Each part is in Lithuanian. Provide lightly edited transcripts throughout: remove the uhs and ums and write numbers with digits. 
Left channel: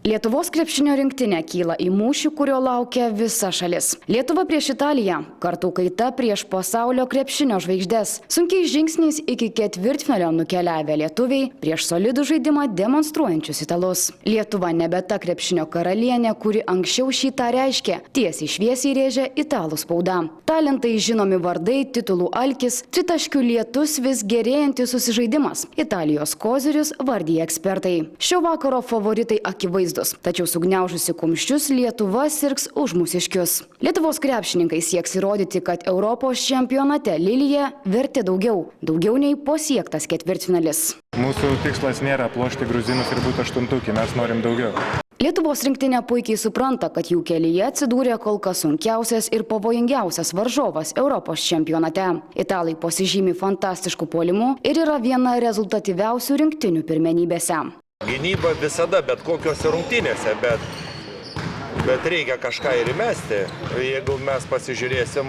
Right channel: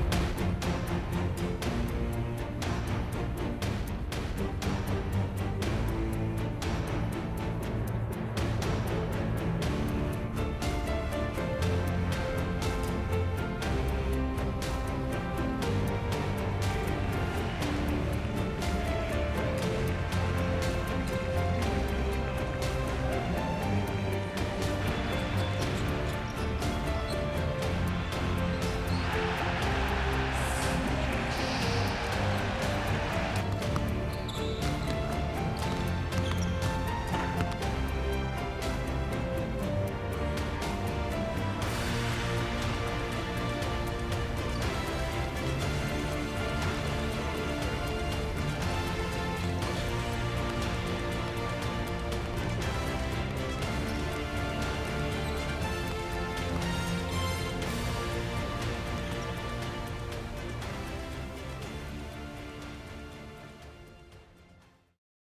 Lietuvos krepšinio rinktinė kyla į mūšį, kurio laukia visa šalis. Lietuva prieš Italiją, kartų kaita prieš pasaulio krepšinio žvaigždes. Sunkiais žingsniais iki ketvirtfinalio nukeliavę lietuviai prieš solidų žaidimą demonstruojančius italus. Lietuva nebe ta krepšinio karalienė, kuri anksčiau šį tą reiškė. Tiesiai šviesiai rėžė italų spauda. Talentai, žinomi vardai, titulų alkis, tritaškių lietus, vis gerėjantis susižaidimas. Italijos kozirius vardija ekspertai. Šio vakaro favoritai akivaizdūs. Tačiau sugniaužusi kumščius Lietuva sirgs už mūsiškius. Lietuvos krepšininkai sieks įrodyti, kad Europos čempionate Lilija vertė daugiau nei pasiektas ketvirtfinalis. Mūsų tikslas nėra aplošti gruzinus ir būti aštuntukį, mes norim daugiau. Lietuvos rinktinė puikiai supranta, kad jų kelyje atsidūrė kol kas sunkiausias ir pavojingiausias varžovas Europos čempionate. Italai pasižymi fantastišku puolimu ir yra viena rezultatyviausių rinktinių pirmenybėse. Gynyba visada, bet kokiose rungtynėse, bet reikia kažką ir įmesti. Jeigu mes pasižiūrėsim,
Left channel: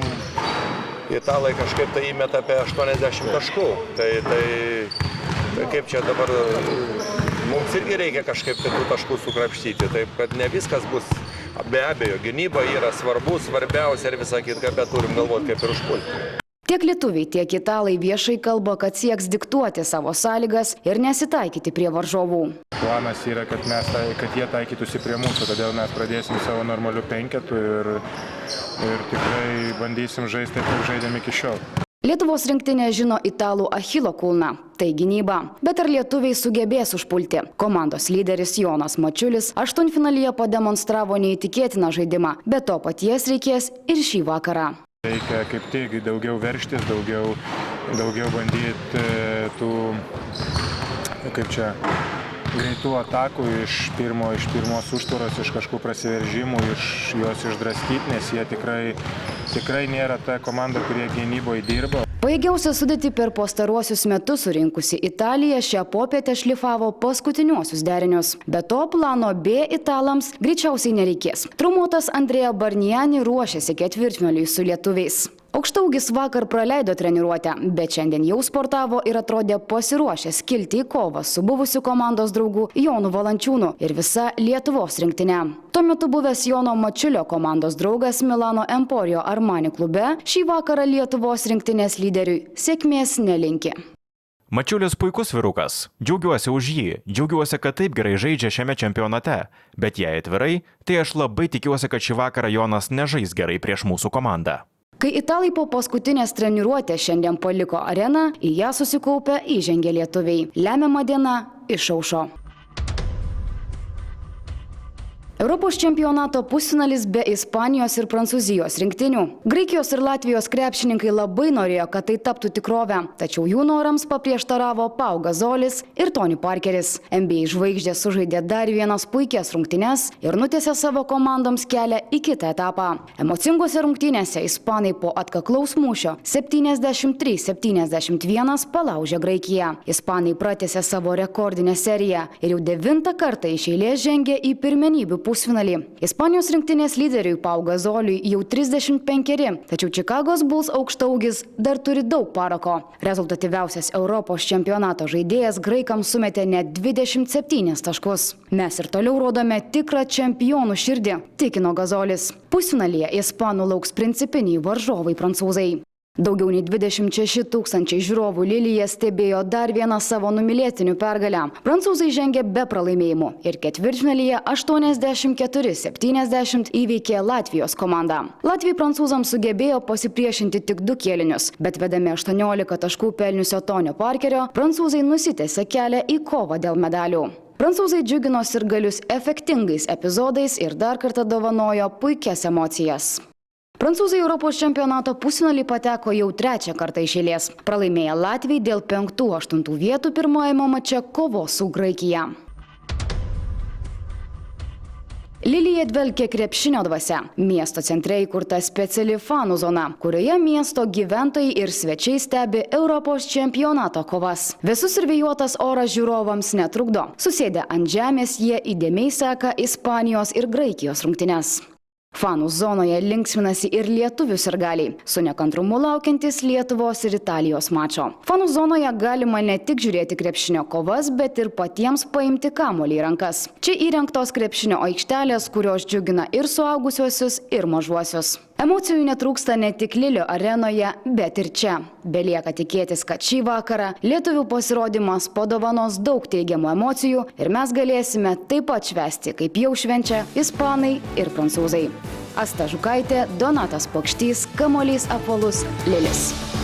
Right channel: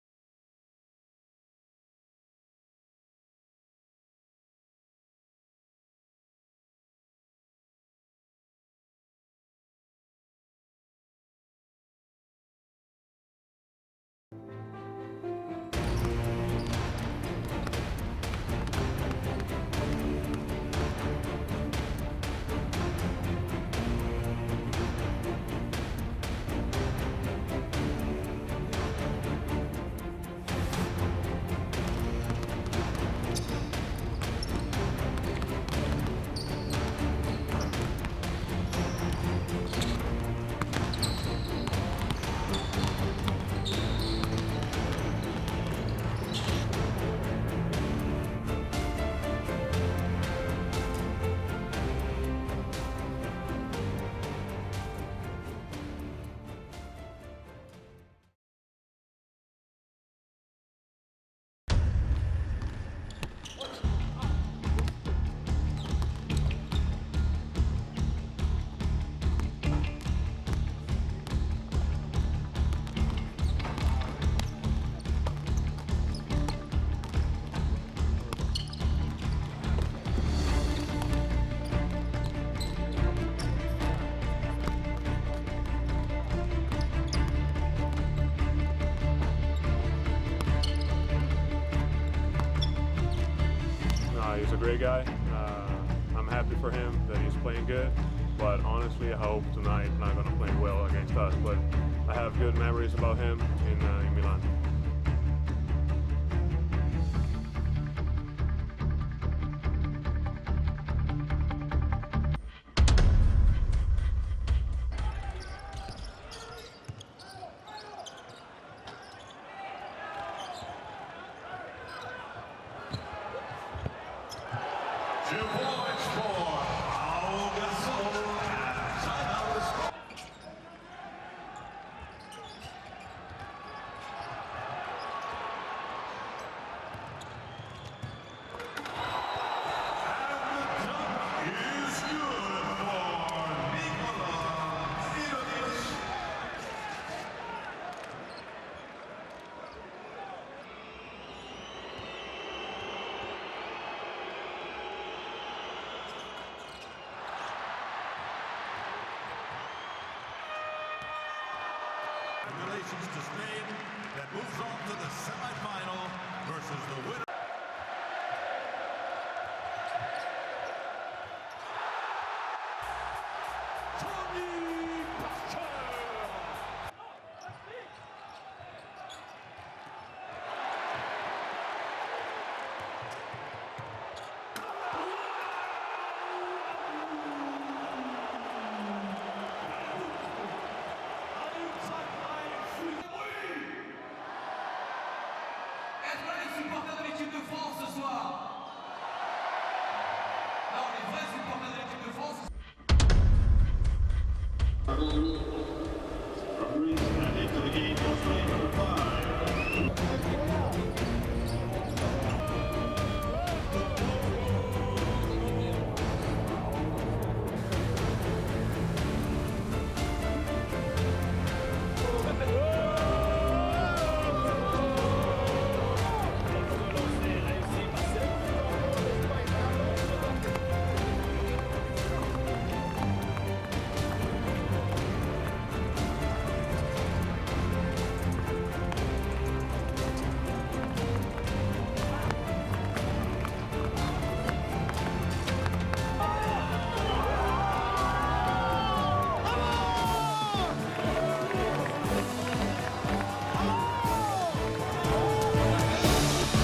italai kažkaip tai įmeta apie 80 taškų. Tai kaip čia dabar, mums irgi reikia kažkaip tų taškų sukrapštyti. Taip, kad ne viskas bus, be abejo, gynyba yra svarbiausia ir visą kitką, bet turim galvoti, kaip ir užpulti. Tiek lietuviai, tiek italai viešai kalba, kad sieks diktuoti savo sąlygas ir nesitaikyti prie varžovų. Planas yra, kad jie taikytųsi prie mūsų, todėl mes pradėsim savo normalių penketų ir tikrai bandysim žaisti taip, kaip žaidėm iki šiol. Lietuvos rinktinė žino italų Achilo kulną – tai gynyba. Bet ar lietuviai sugebės užpulti? Komandos lyderis Jonas Mačiulis aštuntfinalyje pademonstravo neįtikėtiną žaidimą, bet to paties reikės ir šį vakarą. Reikia kaip tik daugiau verštis, daugiau bandyti tų, greitų atakų iš pirmos užtvaros, iš kažkokių prasiveržimų, iš juos išdraskyti, nes jie tikrai nėra ta komanda, kurie gynyboje dirba. Pajėgiausią sudėtį per pastaruosius metus surinkusi Italija šią popietę šlifavo paskutiniuosius derinius. Be to, plano B italams greičiausiai nereikės. Traumuotas Andrea Bargnani ruošiasi ketvirtfinaliui su lietuviais. Aukštaūgis vakar praleido treniruotę, bet šiandien jau sportavo ir atrodė pasiruošęs kilti į kovą su buvusiu komandos draugu Jonu Valančiūnu ir visa Lietuvos rinktinė. Tuo metu buvęs Jono Mačiulio komandos draugas Milano Emporio Armani klube šį vakarą Lietuvos rinktinės lyderiui sėkmės nelinki. Mačiulis puikus vyrukas. Džiaugiuosi už jį. Džiaugiuosi, kad taip gerai žaidžia šiame čempionate. Bet jei atvirai, tai aš labai tikiuosi, kad šį vakarą Jonas nežais gerai prieš mūsų komandą. Kai italai po paskutinės treniruotės šiandien paliko areną, į ją susikaupę įžengė lietuviai. Lemiama diena išaušo. Europos čempionato pusfinalis be Ispanijos ir Prancūzijos rinktinių. Graikijos ir Latvijos krepšininkai labai norėjo, kad tai taptų tikrovę, tačiau jų norams paprieštaravo Pau Gazolis ir Tony Parkeris. NBA žvaigždės sužaidė dar vienas puikias rungtynes ir nutiesė savo komandoms kelią į kitą etapą. Emocingose rungtynėse ispanai po atkaklaus mūšio 73-71 palaužė Graikiją. Ispanai pratęsė savo rekordinę seriją ir jau 9 kartą iš eilės žengė į pirmenybių pusfinalį. Ispanijos rinktinės lyderiui Pau Gazoliui jau 35, tačiau Čikagos Bulls aukštaūgis dar turi daug parako. Rezultatyviausias Europos čempionato žaidėjas graikams sumetė net 27 taškus. Mes ir toliau rodome tikrą čempionų širdį, tikino Gazolis. Pusfinalyje ispanų lauks principiniai varžovai prancūzai. Daugiau nei 26 000 žiūrovų Lilija stebėjo dar vieną savo numylėtinių pergalę. Prancūzai žengė be pralaimėjimų ir ketvirtfinalyje 84-70 įveikė Latvijos komandą. Latvijai prancūzams sugebėjo pasipriešinti tik 2 kėlinius, bet vedami 18 taškų pelniusio Tonio Parkerio, prancūzai nusitęsė kelią į kovą dėl medalių. Prancūzai džiugino sirgalius efektingais epizodais ir dar kartą dovanojo puikias emocijas. Prancūzai Europos čempionato pusfinalį pateko jau 3 kartą iš eilės. Pralaimėję Latvijai dėl 5-8 vietų pirmajame mače kovos su Graikija. Lilija dvelkė krepšinio dvasia. Miesto centre įkurta speciali fanų zona, kurioje miesto gyventojai ir svečiai stebi Europos čempionato kovas. Visus ir vėjuotas oras žiūrovams netrukdo. Susėdę ant žemės jie įdėmiai seka Ispanijos ir Graikijos rungtynes. Fanų zonoje linksminasi ir lietuvių sirgaliai, su nekantrumu laukiantis Lietuvos ir Italijos mačo. Fanų zonoje galima ne tik žiūrėti krepšinio kovas, bet ir patiems paimti kamuolį į rankas. Čia įrengtos krepšinio aikštelės, kurios džiugina ir suaugusiuosius, ir mažuosius. Emocijų netrūksta ne tik Lilio arenoje, bet ir čia. Belieka tikėtis, kad šį vakarą lietuvių pasirodymas padovanos daug teigiamų emocijų ir mes galėsime taip pat švęsti, kaip jau švenčia ispanai ir prancūzai. Asta Žukaitė, Donatas Pokštys, kamuolys apvalus, Lilis.